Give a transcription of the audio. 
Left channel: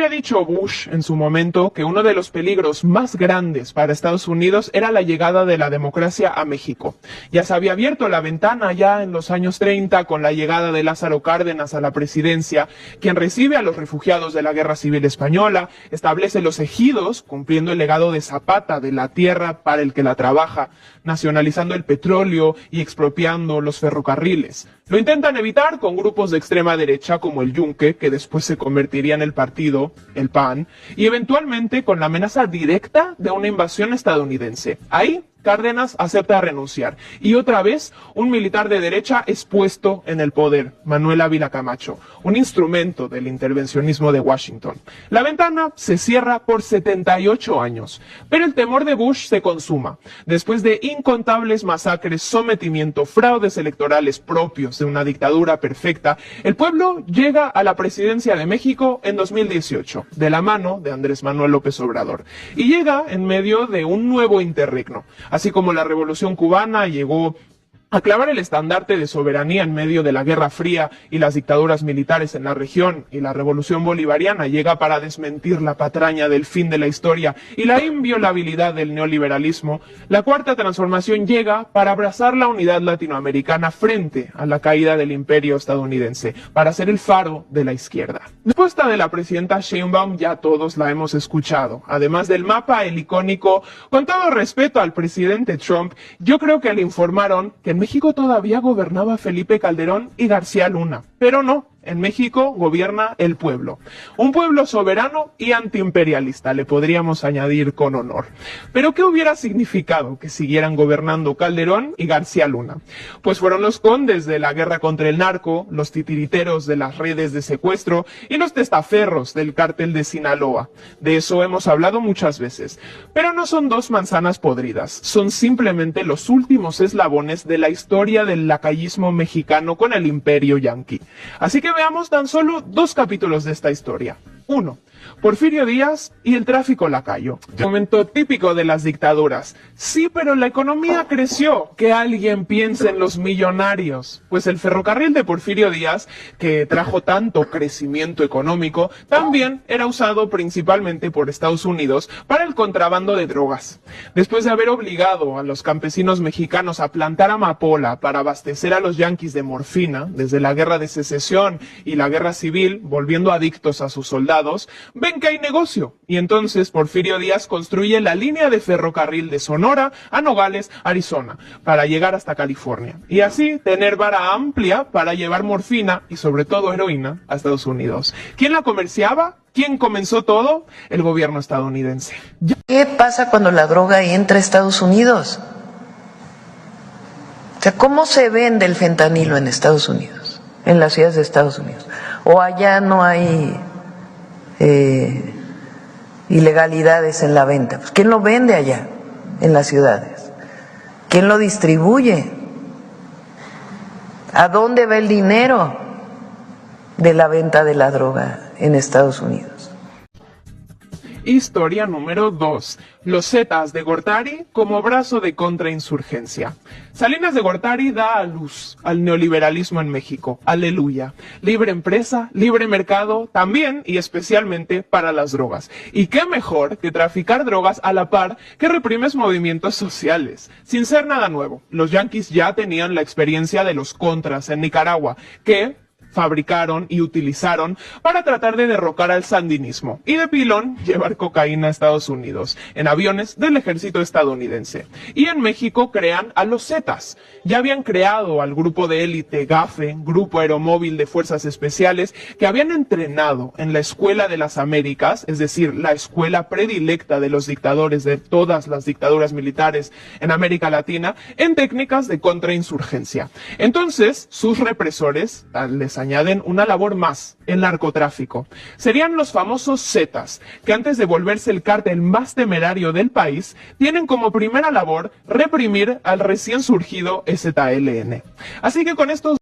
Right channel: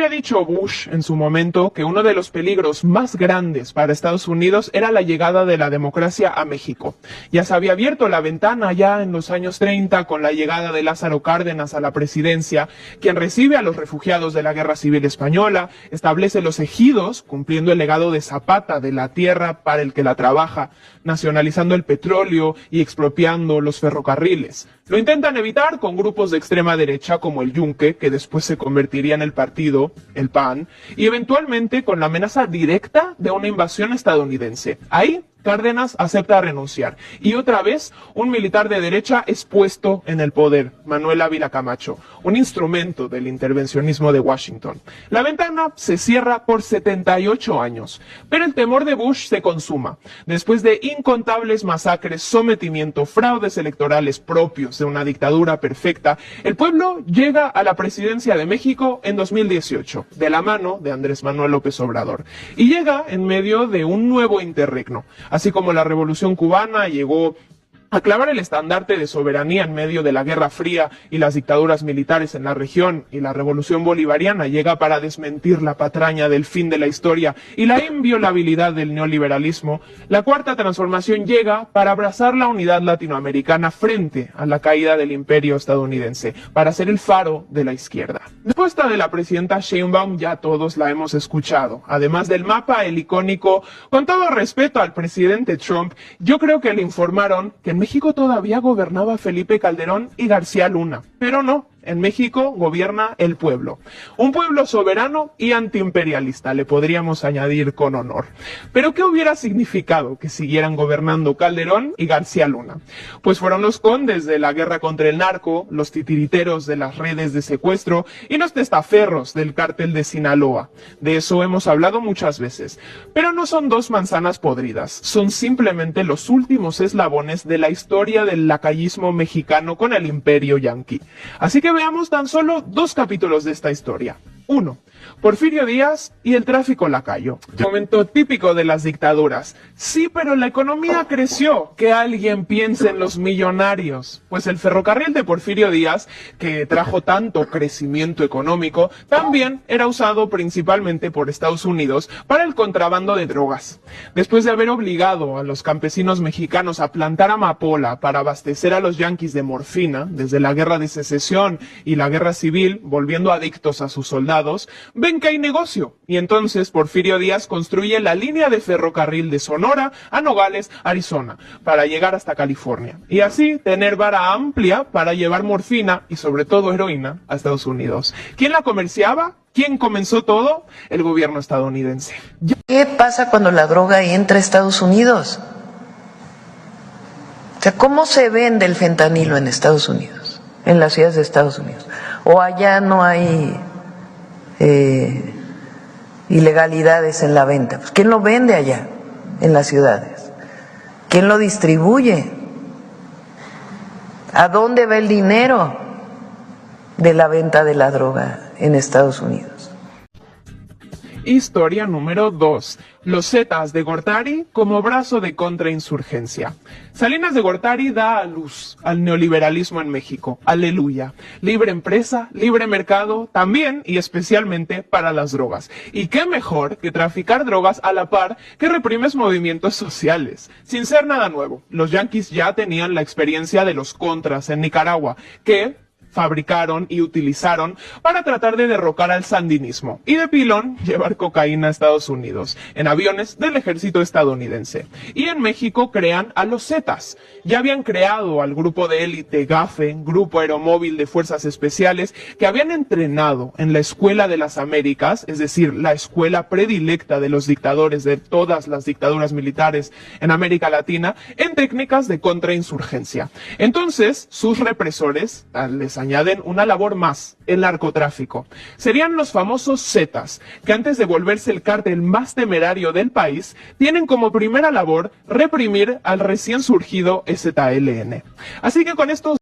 había dicho Bush en su momento que uno de los peligros más grandes para Estados Unidos era la llegada de la democracia a México. Ya se había abierto la ventana ya en los años 30 con la llegada de Lázaro Cárdenas a la presidencia, quien recibe a los refugiados de la Guerra Civil Española, establece los ejidos, cumpliendo el legado de Zapata de la tierra para el que la trabaja, nacionalizando el petróleo y expropiando los ferrocarriles. Lo intentan evitar con grupos de extrema derecha como el Yunque, que después se convertiría en el partido, el PAN, y eventualmente con la amenaza directa de una invasión estadounidense. Ahí Cárdenas acepta renunciar y otra vez un militar de derecha es puesto en el poder, Manuel Ávila Camacho, un instrumento del intervencionismo de Washington. La ventana se cierra por 78 años, pero el temor de Bush se consuma. Después de incontables masacres, sometimiento, fraudes electorales propios de una dictadura perfecta, el pueblo llega a la presidencia de México en 2018, de la mano de Andrés Manuel López Obrador, y llega en medio de un nuevo interregno. Así como la Revolución Cubana llegó a clavar el estandarte de soberanía en medio de la Guerra Fría y las dictaduras militares en la región, y la Revolución Bolivariana llega para desmentir la patraña del fin de la historia y la inviolabilidad del neoliberalismo, la Cuarta Transformación llega para abrazar la unidad latinoamericana frente a la caída del imperio estadounidense, para ser el faro de la izquierda. La respuesta de la presidenta Sheinbaum ya todos la hemos escuchado. Además del mapa, el icónico, con todo respeto al presidente Trump, yo creo que le informaron que en México todavía gobernaba Felipe Calderón y García Luna, pero no. En México gobierna el pueblo. Un pueblo soberano y antiimperialista, le podríamos añadir con honor. ¿Pero qué hubiera significado que siguieran gobernando Calderón y García Luna? Pues fueron los condes de la guerra contra el narco, los titiriteros de las redes de secuestro y los testaferros del cártel de Sinaloa. De eso hemos hablado muchas veces. Pero no son dos manzanas podridas, son simplemente los últimos eslabones de la historia del lacayismo mexicano con el imperio yanqui. Así que veamos tan solo dos capítulos de esta historia. 1. Porfirio Díaz y el tráfico lacayo. Momento típico de las dictaduras. Sí, pero la economía creció. Que alguien piense en los millonarios. Pues el ferrocarril de Porfirio Díaz, que trajo tanto crecimiento económico, también era usado principalmente por Estados Unidos para el contrabando de drogas. Después de haber obligado a los campesinos mexicanos a plantar amapola para abastecer a los yanquis de morfina, desde la guerra de secesión y la guerra civil, volviendo adictos a sus soldados, ven que hay negocio, y entonces Porfirio Díaz construye la línea de ferrocarril de Sonora a Nogales, Arizona, para llegar hasta California, y así tener vara amplia para llevar morfina y sobre todo heroína a Estados Unidos. ¿Quién la comerciaba? ¿Quién comenzó todo? El gobierno estadounidense. ¿Qué pasa cuando la droga entra a Estados Unidos? O sea, ¿cómo se vende el fentanilo en Estados Unidos, en las ciudades de Estados Unidos? ¿O allá no hay ilegalidades en la venta? Pues ¿quién lo vende allá en las ciudades? ¿Quién lo distribuye? ¿A dónde va el dinero de la venta de la droga en Estados Unidos? Historia número 2. Los Zetas de Gortari como brazo de contrainsurgencia. Salinas de Gortari da a luz al neoliberalismo en México. Aleluya. Libre empresa, libre mercado, también y especialmente para las drogas. Y qué mejor que traficar drogas a la par que reprimes movimientos sociales. Sin ser nada nuevo, los yanquis ya tenían la experiencia de los contras en Nicaragua, que fabricaron y utilizaron para tratar de derrocar al sandinismo y de pilón llevar cocaína a Estados Unidos en aviones del ejército estadounidense. Y en México crean a los Zetas. Ya habían creado al grupo de élite GAFE, Grupo Aeromóvil de Fuerzas Especiales, que habían entrenado en la Escuela de las Américas, es decir, la escuela predilecta de los dictadores de todas las dictaduras militares en América Latina, en técnicas de contrainsurgencia. Entonces, sus represores les añaden una labor más, el narcotráfico. Serían los famosos Zetas, que antes de volverse el cártel más temerario del país, tienen como primera labor reprimir al recién surgido EZLN. Así que con estos